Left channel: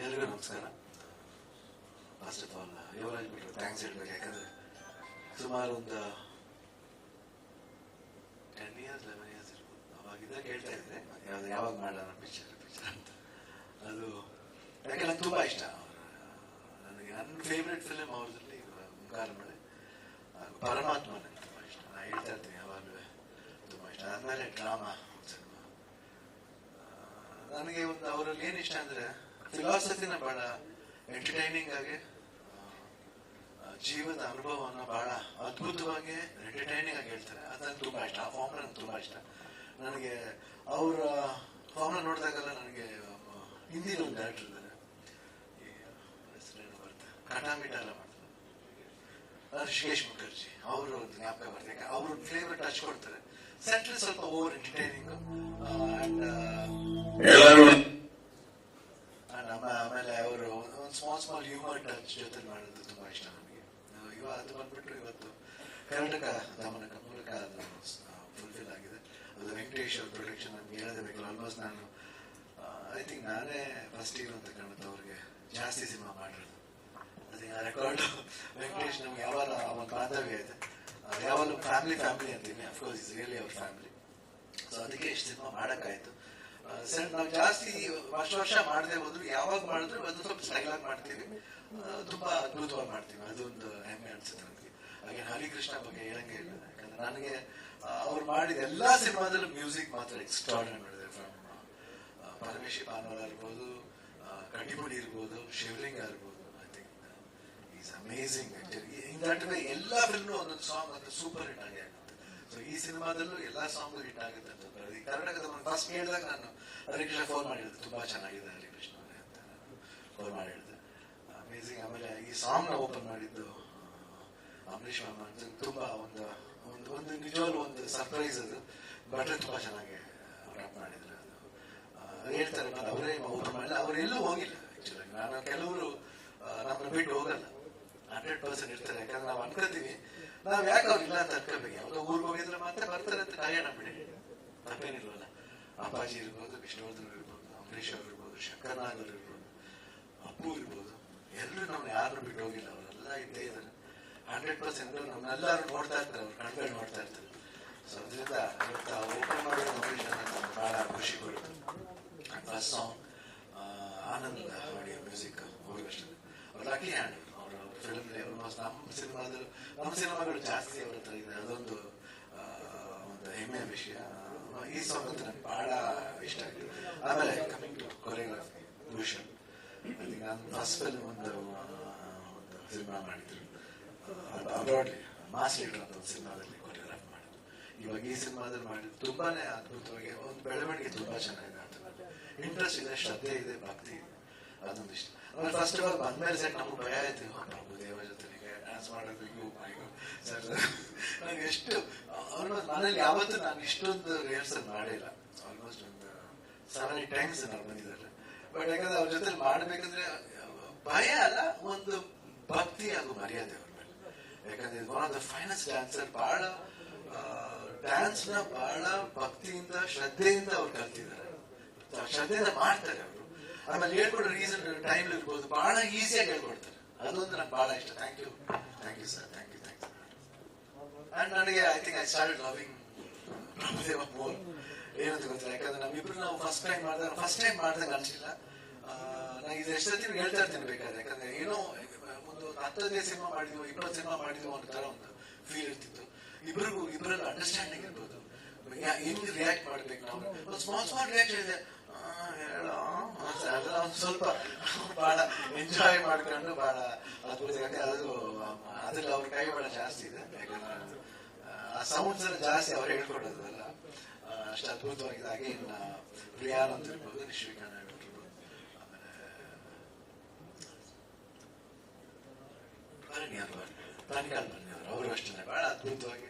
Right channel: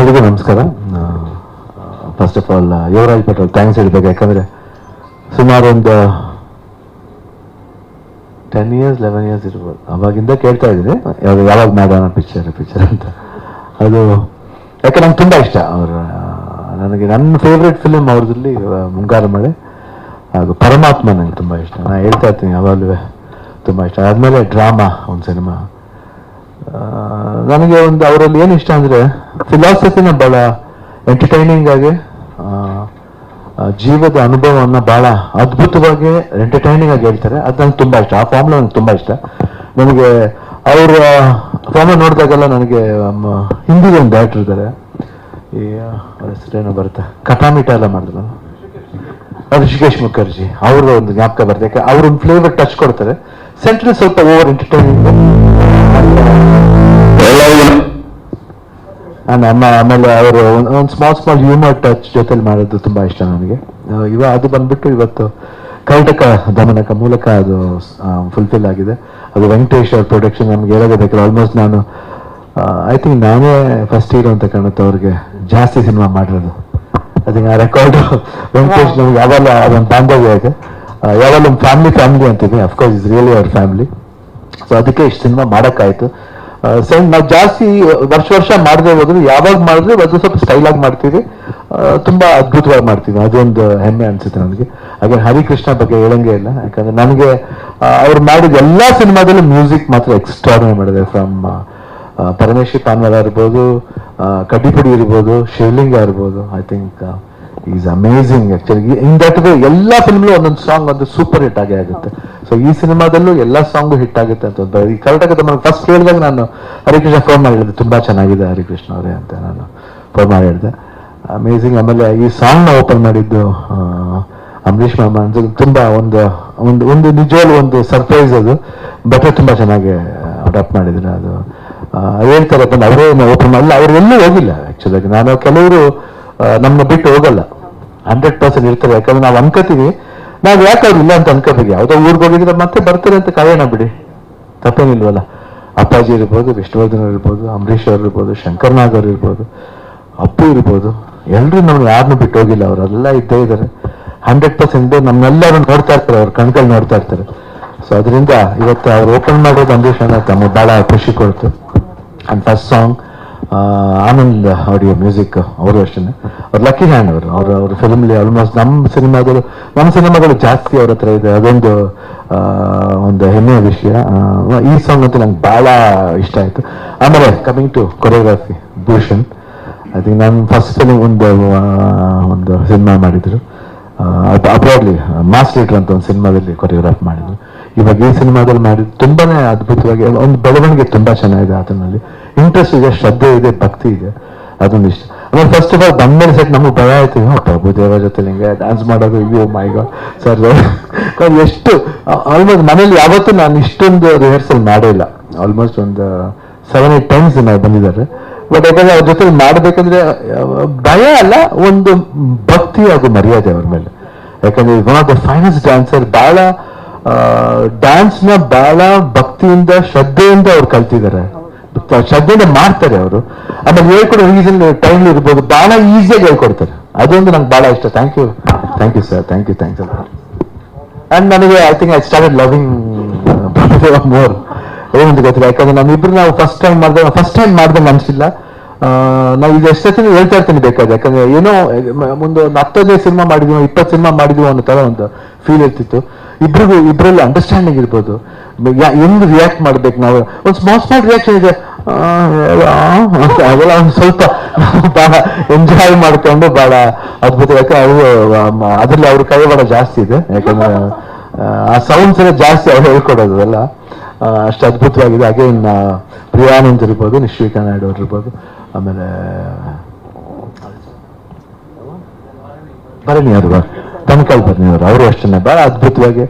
ಎಲ್ರಿಗೂ ನಮಸ್ಕಾರ. First of all Yuvraj Patel thanks ಹೇಳ್ಬೇಕು ಯಾಕಂದರೆ ಸುಮಾರು ಒಂದು ಟೆನ್ ಇಯರ್ಸ್ ಲೆವೆನ್ ಇಯರ್ಸ್ ಇರ್ಬೋದು. ಅವಾಗಿಂದ ಕೇಳ್ತಾ ಇದ್ದೀನಿ. ಯಾವಾಗ ಯಾವಾಗ ಮಾಡೋಣ ಪಿಕ್ಚರ್ ಪಿಕ್ಚರ್ ಅಂತ. ಅದು ಯಾಕೆ ನಂಗೆ ತುಂಬ ಇಷ್ಟ. ಅವರ ನನಗೆ ನನ್ನ ಫೇವ್ರೆಟ್ ಫಿಲಿಮ್ ಅವ್ರದ್ರಲ್ಲಿ ಮುಂಗಾರು ಮಳೆ ಹಾಗೂ ಪರಮಾತ್ಮ ನನಗೆ ತುಂಬ ಇಷ್ಟ. ನಾನು ಹೇಳ್ತಾ ಇರ್ತೀನಿ, ಯಾವಾಗಲೂ ತುಂಬ ಇಷ್ಟ. ಆದಮೇಲೆ ಡ್ರಾಮಾ ಒಂದು ಸಿನಿಮಾ ನನಗೆ ಒಂದು ಅವರಲ್ಲಿ ಏನು ಇಷ್ಟ ಅಂದರೆ ಫಿಲಾಸಫಿನ ಭಾಳ ಎಂಟರ್ಟೈನಿಂಗ್ ಆಗಿ ಜೀವದ ಅನುಭವವನ್ನು ಭಾಳ ಅದ್ಭುತವಾಗಿ ಎಂಟರ್ಟೈನಿಂಗ್ ಆಗಿ ಹೇಳ್ತಾರೆ. ಅದು ನಂಗೆ ತುಂಬ ಇಷ್ಟ. ಆ ಫಾರ್ಮ್ಲ ನನಗೆ ತುಂಬ ಇಷ್ಟ. ನನಗೆ ಅವರ ಫಾರ್ಮ್ ನೋಡಿದಾಗೆಲ್ಲ ನನಗೆ ಹಿಂದಿ ಒಂದು ಡೈರೆಕ್ಟರ್ ಇದ್ದಾರೆ ಈ ಬರುತ್ತೆ. ಕಟಾಮಿಟ ಎಲ್ಲ ಮಾಡಿದ್ರು ಋಷಿಕೇಶ್ ಮುಖರ್ಜಿ. ಅವರ ಒಂದು ಜ್ಞಾಪಕ ಬರುತ್ತೆ ಯಾಕೆ, ಅವ್ರ ಒಂದು ಫ್ಲೇವರ್ ಟಚ್ ಕೊಡ್ತಾರೆ. ಸೆಂಟ್ರಲ್ ಸ್ವಲ್ಪ ಓವರ್ ಎಂಟರ್ಟೈನಿಂಗ್ ನಮ್ಮ ಆಮೇಲೆ ಅವರು ಒಂದು ಸ್ಮಾಲ್ ಸ್ಮಾಲ್ ಹ್ಯೂಮರ್ ಟಚ್ ಜೊತೆಲಿ ಮಾಡೋದು ತುಂಬಾ ಇಷ್ಟ ನನಗೆ ಇವ ಅದು ಬಂದ್ಬಿಟ್ಟು ಇವತ್ತು ಕರ್ನಾಟಕ ದಮನಕ ಮೂಲಕ ಅದು ಫುಲ್ಫಿಲ್ ಆಗಿದೆ. ಅದು ವೆಂಕಟೇಶ್ ಅವ್ರ ಪ್ರೊಡಕ್ಷನ್ ನಮ್ಗೆ ಹೇಳೋದೇ ಬೇಕಾದ್ರೆ ಆಲ್ಮೋಸ್ಟ್ ನಾನು ಐ ಥಿಂಕ್ ನಾನೇ ಫಸ್ಟ್ ಹೀರೋ ಅಂತ ಕಾಣುತ್ತೆ ಅವ್ರಿಗೆ. ಜಾಸ್ತಿ ಸಿನಿಮಾ ಮಾಡಿರೋದು. ಅದಕ್ಕೆ ಆ ರೆಕಾರ್ಡ್ ವೆಂಕಟೇಶ್ ನಮ್ಗೆ ಯಾವಾಗ ಅದೊಂದು ಬಾಂಧವ್ಯ ಇದೆ. ಯಾವಾಗ ಒಂದು ಫ್ಯಾಮಿಲಿ ಫ್ಯಾಮಿಲಿ ಅಂತಿದೆ. Of course is really our family so ಅದಕ್ಕೆ ಇಷ್ಟು ಸಿನಿಮಾ ಮಾಡೋಕ್ಕಾಯ್ತು. ಸೆಂಡ್ ನಾವು ಜಾಸ್ತಿ ವರ್ಷ ವರ್ಷ ಮಾಡದೆ ಹೋದ್ರು, ಯಾವಾಗ ಮಾಡಿದ್ರೆ ಅದು ಸ್ವಲ್ಪ ಸ್ಟೈಲಾಗಿ ಮಾಡ್ತೀವಿ. ತುಂಬ ಅದ್ಭುತವಾಗಿ ಮಾಡ್ತೀವಿ. ಅದೊಂದು ಹೆಮ್ಮೆ ಅನ್ಸುತ್ತೆ ನನಗೆ ಹಾಗೆ ಹರಿಕೃಷ್ಣ ಬಗ್ಗೆ ಹೇಳಂಗೆ ಇಲ್ಲ. ಯಾಕಂದ್ರೆ ನನಗೆ ಅವ್ರು ಮಾಡಿದ ಎಲ್ಲಾ ಸಿನಿಮಾದಲ್ಲೂ ಮ್ಯೂಸಿಕ್ ಮಾತ್ರ ಎಕ್ಸ್ಟ್ರಾರ್ಡಿನರಿ ಮಾಡಿದೆ ಫ್ರಮ್ ಪರಮೇಶ್ವರ್ ಪಾನ್ವರ್ ಇರ್ಬೋದು ಕಡ್ಡಿಪುಡಿ ಇರ್ಬೋದು, ಶಿವಲಿಂಗ ಇರ್ಬೋದು I think is amazing actually in that way ಎಲ್ಲ ಫಿಲ್ಮ್ಲು ಒಂದೊಂದು ಸಾಂಗ್ ಒಂದು ಸೂಪರ್ ಹಿಟ್ ಆಗೇ ಆಗುತ್ತೆ. ಸೊ ಈ ಸಿನಿಮಾದಲ್ಲೂ ಎಲ್ಲ ಸಾಂಗು ಹಿಟ್ ಆಗುತ್ತೆ ಅಂತ ಈ ಕರ್ನಾಟಕದ ನಾನು ಫಸ್ಟ್ ಹೇಳಿದಾಗ ನಾನು ಹರಿಕೃಷ್ಣ ಫೋನ್ ಮಾಡಿ ಹೇಳಿದೆ ತುಂಬಾ ಚೆನ್ನಾಗಿದೆ ಹರಿಕೃಷ್ಣ ಅವರೇ ಅಂತ ನಾನು ಫೋನ್ ಮಾಡಿ ಹೇಳಿದೆ. ಅಮೇಝಿಂಗ್ ಆಮೇಲೆ ಈ ಸಾಂಗ್ನ ಓಪನ್ ಮಾಡಿದ್ದು ಅಂಬರೀಷ್ ಮಾಮ ಅಂತ ತುಂಬಾ ಒಂದು ಒಂದು ಒಂದು ನಿಜವಾಗ್ಲೂ ಒಂದು ಸರ್ಪ್ರೈಸ್ ಅದು. ಬಟ್ ತುಂಬಾ ಚೆನ್ನಾಗಿ ಅಡಾಪ್ಟ್ ಮಾಡಿದ್ರು ಅದು. ಹೇಳ್ತಾರೆ ಅವರೇ ಓಪನ್ ಮಾಡಲ್ಲ ಅವ್ರು ಎಲ್ಲೂ ಹೋಗಿಲ್ಲ ಆ್ಯಕ್ಚುಲಾಗಿ ನಾನು ಕೆಲವರು ನಮ್ಮನ್ನ ಬಿಟ್ಟು ಹೋಗಲ್ಲ. ಹಂಡ್ರೆಡ್ ಪರ್ಸೆಂಟ್ ಇರ್ತಾರೆ ಯಾಕಂದ್ರೆ ನಾವು ಅನ್ಕೋತೀವಿ. ನಾವು ಯಾಕೆ ಅವ್ರು ಇಲ್ಲ ಅಂತ ಅನ್ಕೋಬೇಕು. ಯಾವುದೋ ಊರಿಗೆ ಹೋಗಿದ್ರೆ ಮತ್ತೆ ಬರ್ತಾರೆ ಅಂತ ಕಾಯೋಣ ಬಿಡಿ. ತಪ್ಪೇನಿಲ್ವಲ್ಲ. ಅಪ್ಪಾಜಿ ಇರ್ಬೋದು, ವಿಷ್ಣುವರ್ಧನ್ ಇರ್ಬೋದು, ಅಂಬರೀಷ್ ಅವ್ರು ಇರ್ಬೋದು ಶಂಕರ್ನಾಗ್ ಅವ್ರು ಇರ್ಬೋದು, ಅಪ್ಪು ಇರ್ಬೋದು. ಎಲ್ಲರೂ ನಮ್ಗೆ ಯಾರನ್ನೂ ಬಿಟ್ಟು ಹೋಗಿಲ್ಲ. ಅವರೆಲ್ಲ ಇದ್ದೇ ಇದ್ದಾರೆ ಹಂಡ್ರೆಡ್ ಪರ್ಸೆಂಟ್ ನಮ್ಮೆಲ್ಲರೂ ನೋಡ್ತಾ ಇರ್ತಾರೆ. ಅವ್ರ ಕಣ್ಕಲ್ಲಿ ನೋಡ್ತಾ ಇರ್ತಾರೆ. ಸೊ ಅದರಿಂದ ಇವತ್ತು ಅವ್ರು ಓಪನ್ ಮಾಡೋದು ಅಣ್ಣ ತಮ್ಮ ಬಹಳ ಖುಷಿ ಕೊಡ್ತು. And first song Anand audio music ಅವರು ಅಷ್ಟೇ ಅವ್ರು ಲಕ್ಕಿ ಹ್ಯಾಂಡ್ ಅವರು, ಅವ್ರ ಅವ್ರ ಫಿಲ್ಮ್ಲಿ ಆಲ್ಮೋಸ್ಟ್ ನಮ್ಮ ಸಿನಿಮಾಗಳು ನಮ್ಮ ಸಿನಿಮಾಗಳು ಜಾಸ್ತಿ ಅವ್ರ ಹತ್ರ ಇದೆ. ಅದೊಂದು ಒಂದು ಹೆಮ್ಮೆಯ ವಿಷಯ. ಈ ಸಾಂಗ್ ಅಂತೂ ನಂಗೆ ಬಹಳ ಇಷ್ಟ ಆಯ್ತು. ಆಮೇಲೆ coming to choreography Bhushan. I think ನಾನು ಫಸ್ಟ್ ಸಲ ಒಂದು ಒಂದು ಸಿನಿಮಾ ಮಾಡಿದ್ರು. ಅಬ್ರಾಡ್ಲಿ ಮಾಸ್ ಲೀಟರ್ ಅಂತ ಒಂದು ಸಿನಿಮಾದಲ್ಲಿ ಕೊರಿಯೋಗ್ರಾಫ್ ಮಾಡಿದ್ರು. ಇವಾಗ ಈ ಸಿನಿಮಾದಲ್ಲಿ ಮಾಡಿದ್ರು ತುಂಬಾನೇ ಅದ್ಭುತವಾಗಿ, ಒಂದು ಬೆಳವಣಿಗೆ ತುಂಬಾ ಚೆನ್ನಾಗಿದೆ ಅದರಲ್ಲಿ ಇಂಟ್ರೆಸ್ಟ್ ಇದೆ, ಶ್ರದ್ಧೆ ಇದೆ, ಭಕ್ತಿ ಇದೆ, ಅದೊಂದು ಇಷ್ಟ. ಆಮೇಲೆ ಫಸ್ಟ್ ಆಫ್ ಆಲ್ ಬಂದ್ಮೇಲೆ ಸೆಟ್ ನಮಗೆ ಭಯ ಆಯ್ತು ಪ್ರಭುದೇವ ಜೊತೆ ಹಿಂಗೆ ಡ್ಯಾನ್ಸ್ ಮಾಡೋದು, ಅಯ್ಯೋ ಮೈ ಗಾಡ್ ಸರ್ ಎಷ್ಟು ಆಲ್ಮೋಸ್ಟ್ ಮನೇಲಿ ಯಾವತ್ತೂ ನಾನು ಇಷ್ಟೊಂದು ರಿಹರ್ಸಲ್ ಮಾಡೇ ಇಲ್ಲ. ಆಲ್ಮೋಸ್ಟ್ ಒಂದು ಸೆವೆನ್ ಏಟ್ ಟೈಮ್ಸ್ ನಾವು ಬಂದಿದ್ದಾರೆ. ಬಟ್ ಯಾಕಂದ್ರೆ ಅವ್ರ ಜೊತೆ ಮಾಡಬೇಕಂದ್ರೆ, ಭಯ ಅಲ್ಲ, ಒಂದು ಭಕ್ತಿ ಹಾಗೂ ಮರ್ಯಾದೆ ಅವ್ರ ಮೇಲೆ. ಯಾಕಂದ್ರೆ one of the finest dancer ಬಹಳ ಡ್ಯಾನ್ಸ್ನ ಬಹಳ ಭಕ್ತಿಯಿಂದ, ಶ್ರದ್ಧೆಯಿಂದ ಅವ್ರು ಕಲ್ತಿದ್ದಾರೆ. ಶ್ರದ್ಧೆಯಿಂದ ಮಾಡ್ತಾರೆ ಅವರು. ಆಮೇಲೆ ಹೇಳ್ಕೊಡೋ ರೀಸನ್ ಟೈಮ್ ಇರ್ಬೋದು. ಬಹಳ ಈಸಿಯಾಗಿ ಹೇಳ್ಕೊಡ್ತಾರೆ ಅದೊಂದು ನಂಗೆ ಬಹಳ ಇಷ್ಟ. Thank you thank you sir thank you thank you and ನನಗೆ I think I started loving more ಏನಂತ ಗೊತ್ತಿಲ್ಲ. ಯಾಕಂದ್ರೆ ನಮ್ಮಿಬ್ರು ನಾವು ಫಸ್ಟ್ ಟೈಮ್ ಮಾಡಿದಾಗ ಫಸ್ಟ್ ಟೈಮ್ ಮಾಡ್ದಂಗೆ ಅನ್ಸಿಲ್ಲ. ನಾವು ಇದು ಎಷ್ಟೊತ್ತಿನ ಹೇಳ್ತಾ ಇರ್ತೀನಿ ಬೇಕಾದ್ರೆ. ಯಾಕಂದ್ರೆ ಏನೋ ಮುಂದೆ ಒಂದು ಹತ್ತನೇ ಸಿನಿಮಾ ಮಾಡಿದ್ವಿ, ಇಪ್ಪತ್ತು ಸಿನಿಮಾ ಮಾಡಿದ್ವಿ ಅನ್ನೋ ತರ ಒಂದು ಫೀಲ್ ಇರ್ತಿತ್ತು. ಇಬ್ರಿಗೂ ಇಬ್ಬರಲ್ಲಿ ಅಂಡರ್ಸ್ಟ್ಯಾಂಡಿಂಗ್ ಇರ್ಬೋದು. ಹೆಂಗ್ ರಿಯಾಕ್ಟ್ ಮಾಡ್ಬೇಕು ನಾವು? ಒಂದು ಸ್ಮಾಲ್ ಸ್ಮಾಲ್ ರಿಯಾಕ್ಷನ್ ಇದೆ. ಅವೆಲ್ಲ ಸ್ವಲ್ಪ ಬಹಳ ಎಂಜಾಯ್ ಮಾಡ್ಕೊಂಡು ಬಹಳ ಅದ್ಭುತ. ಯಾಕೆ ಅವರು ಅದ್ರಲ್ಲಿ ಅವ್ರ ಕೈವಾಡ ಜಾಸ್ತಿ ಇದೆ. ಯಾಕಂದ್ರೆ ಆ, ಸೌಂಡ್ಸ್ ಎಲ್ಲ ಜಾಸ್ತಿ ಅವ್ರು ಹೇಳ್ಕೊಡೋದು ಅದೆಲ್ಲ ಅಷ್ಟು ಅದ್ಭುತವಾಗಿದೆ. ಹಾಗೆ ಇನ್ನು ಪ್ರಿಯಾನಂದ್ ಇರ್ಬೋದು ನಿಶ್ವಿಕಾ ನಾಯ್ಡು ಅವ್ರು ಇರ್ಬೋದು ಆಮೇಲೆ ಭರಣಿ ಅವರು ತನಕಾಲ್ ಭರಣಿ ಅವರು ಅಷ್ಟೇ ಬಹಳ ಅದ್ಭುತವಾಗಿ,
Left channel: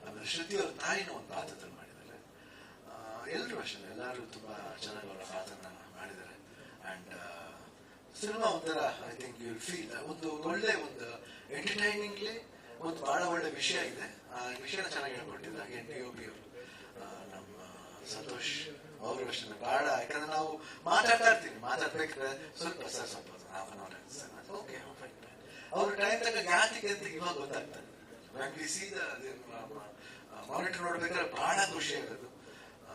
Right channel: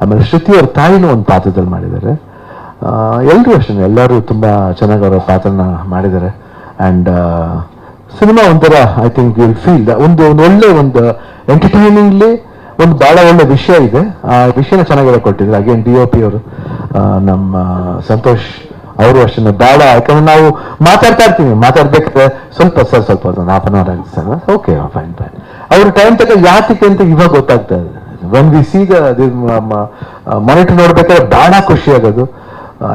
ಆಮೇಲೆ ಶ್ರುತಿ ಅವ್ರ ತಾಯಿನೂ ಒಂದು ಪಾತ್ರದಲ್ಲಿ ಮಾಡಿದ್ದಾರೆ. ಎಲ್ಲರೂ ಅಷ್ಟೇ ಎಲ್ಲರೂ ತುಂಬ ಚೆನ್ನಾಗಿ ಅವರ ಪಾತ್ರನ ಮಾಡಿದ್ದಾರೆ. ಅಂಡ್ ಸಿನಿಮಾ ಒಂಥರ ಐ ಥಿಂಕ್ ವಿಲ್ ಫೀಲ್ ಒಂದು ಒಂದು ಒಳ್ಳೆ ಒಂದು ಎಂಟರ್ಟೈನಿಂಗ್ಲಿ ಒಂದು ಬಹಳ ಒಳ್ಳೆ ವಿಷಯ ಇದೆ. ಆ ವಿಷಯನ ಚೆನ್ನಾಗಿ ಕೊಟ್ಟಿದ್ರು ಅಗೇನ್ ಡಿ ಒ ಪಿ ಅವರು ನಮ್ಮ ಸಂತೋಷ್ ಅವರು ಅಷ್ಟೇ ಬೇಡ ಯಾಕಂದ್ರೆ ನಾವು ಮಾತಾಡ್ತಾ ಇರ್ತೀವಿ. ಮಾತಾಡ್ಬೇಕಾದ್ರೆ ಸ್ವಲ್ಪ ಸರ್ ಸ್ವಲ್ಪ ಒಂದು ಹಾಫ್ ಅನ್ ಅವರ್ ಆಗುತ್ತೆ ಸರ್. ಓಕೆ ಫೈನ್ ಫೈನ್ ಅವ್ರ ಟೈಮ್ ತಗ ಯಾತಕ್ಕೆ ಅಂತ ಇವಾಗ ಗೊತ್ತಾಗ್ತಾ ಇದೆ. ವೆನ್ ವಿ ಸಿ ಮಾನಿಟರ್ ನೋಡ್ಬೇಕಾದ್ರೆ ಬಹಳ ಖುಷಿ ಆಗೋದು.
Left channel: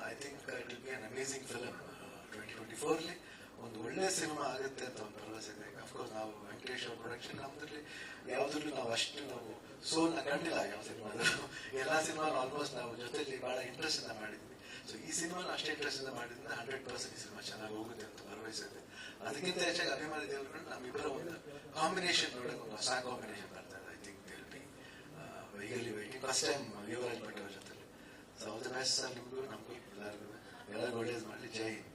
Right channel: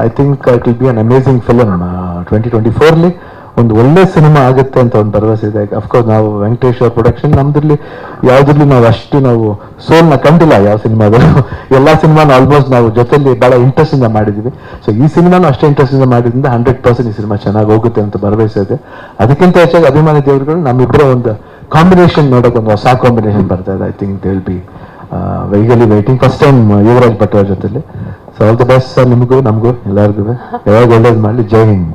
I think it will be an amazing film twenty twenty ಫೋರ್ಲಿ ಒಂದು ಒಳ್ಳೆ ಸಿನಿಮಾ ಆಗುತ್ತೆ ಅಂತ ಒಂದು ಭರವಸೆ ಇದೆ. ಅಫ್ಕೋರ್ಸ್ ನಾವು ವೆಂಕಟೇಶ್ ಅವ್ರ ಪ್ರೊಡಕ್ಷನ್ ನಮ್ದ್ರಲ್ಲಿ ಯಾವ್ದ್ರಲ್ಲಿ ನಾವು ಅಷ್ಟು ನಾವು ಸೋಲ್ನ ಕಂಡಿಲ್ಲ ಯಾವ ಸಿನಿಮಾದಲ್ಲೂ ಎಲ್ಲ ಸಿನಿಮಾನ ಆಲ್ಮೋಸ್ಟ್ ನಾವು ಜೊತೆಲಿ ಬಹಳ ಇಂಟ್ರೆಸ್ಟ್ ಇಂದ ಮಾಡಿದೀವಿ. ಸೊ ಈ ಸಿನಿಮಾನು ಅಷ್ಟೇ ಇಂಟ್ರೆಸ್ಟ್ ಇಂದ ಮಾಡಿದ್ರಿಂದ ಹಂಡ್ರೆಡ್ ಪರ್ಸೆಂಟ್ ಈ ಸಿನಿಮಾ ಚೆನ್ನಾಗಿ ಹೋಗುತ್ತೆ ಅಂತ ಭರವಸೆ ಇದೆ. ಅದಕ್ಕಿಂತ ಹೆಚ್ಚಾಗಿ ಅಭಿಮಾನಿ ದೇವರುಗಳು ನಮ್ಮಿಬ್ಬರ ಒಂದು ಕಾಂಬಿನೇಷನ್ ನೋಡಕ್ ಒಂದು ಹೊಸ ಕಾಂಬಿನೇಷನ್ ಬರ್ತಾ ಇದೆ I think they will be eagerly waiting first time Yuvraj Bhat ಅವ್ರ ಜೊತೆಲಿ. So all the best sir ನಿಮಗೂ, ನಮಗೂ ಎಲ್ಲರಿಗೂ ಯಾವಾಗ ಒಳ್ಳೇದು ಮಾಡಲಿ, ಜೈ ಹಿಂದ್.